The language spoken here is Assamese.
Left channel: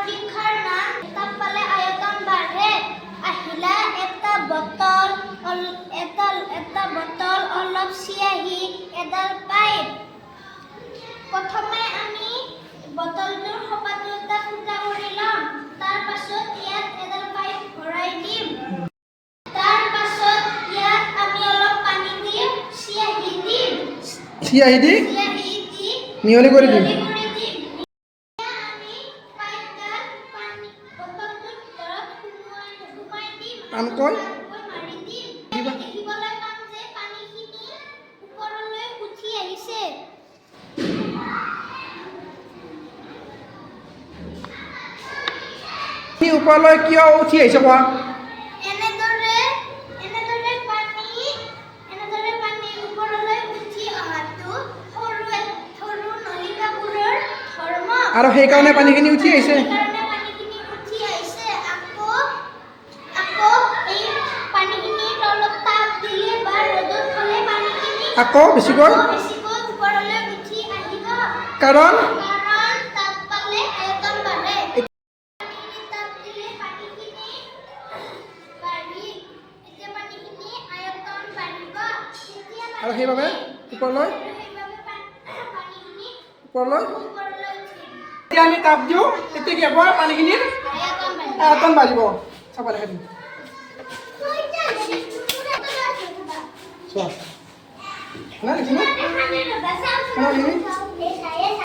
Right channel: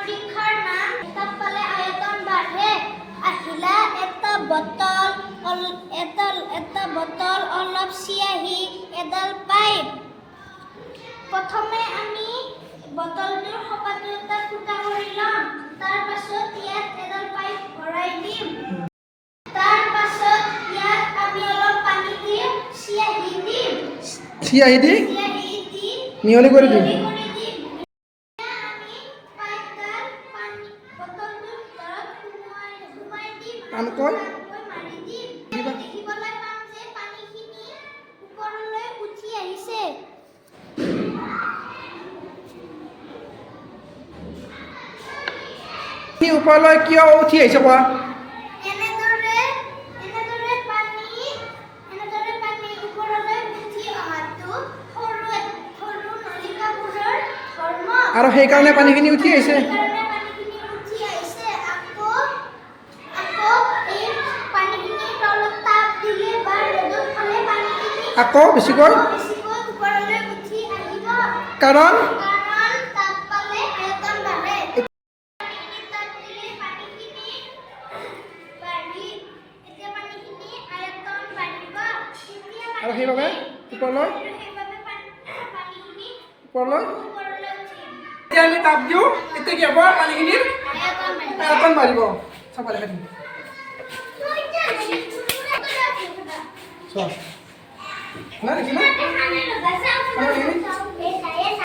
পরীক্ষার নাম তাপ পালে আয়তন বাড়ে আহিলা এটা বোতল অলপ চিয়াহি এডাল পাইপ প্রথমে আমি বোতলটোৰ খপাটো এটা ফুটা কৰি লম তাৰ পাছত ইয়াত এডাল পাইপ ভৰাই দিম তাৰ পাছত ইয়াত আমি অলপ পানী দিম চিয়াহি দি মিহলি কৰি দিম আমি পাইপডাল পানী বোতলটোৰ ভিতৰত ঘুমাই দিম আমি কয় মাৰি দিম দিবা দেখিবলৈ পাম যে পানীখিনি ওপৰলৈ উঠি আহিছে ওপৰলৈ কিয় উঠি আহিছে কোৱা এনেদৰে পানী ওপৰলৈ উঠি অহাটো সৰু নলিকাবোৰৰ ধৰ্ম আৰু সেইকাৰণে পানীখিনি উঠি আহিছে সেইকাৰণে পানীখিনি উঠি আহিছে আকৌ এই পানীখিনি তলত তাপ দিলে বা ৰ'দত থলে পানীখিনি আকৌ বেছিকৈ ওপৰলৈ উঠি আহিব কাৰণ তাপ পালে আয়তন বাঢ়ে আৰু সেইবাবে ওপৰলৈ এতিয়া আমি তাপ দিওঁ এতিয়া কি হ'ব পানীখিনিৰ আয়তন বাঢ়িব চাব দেখা দিম চোৱা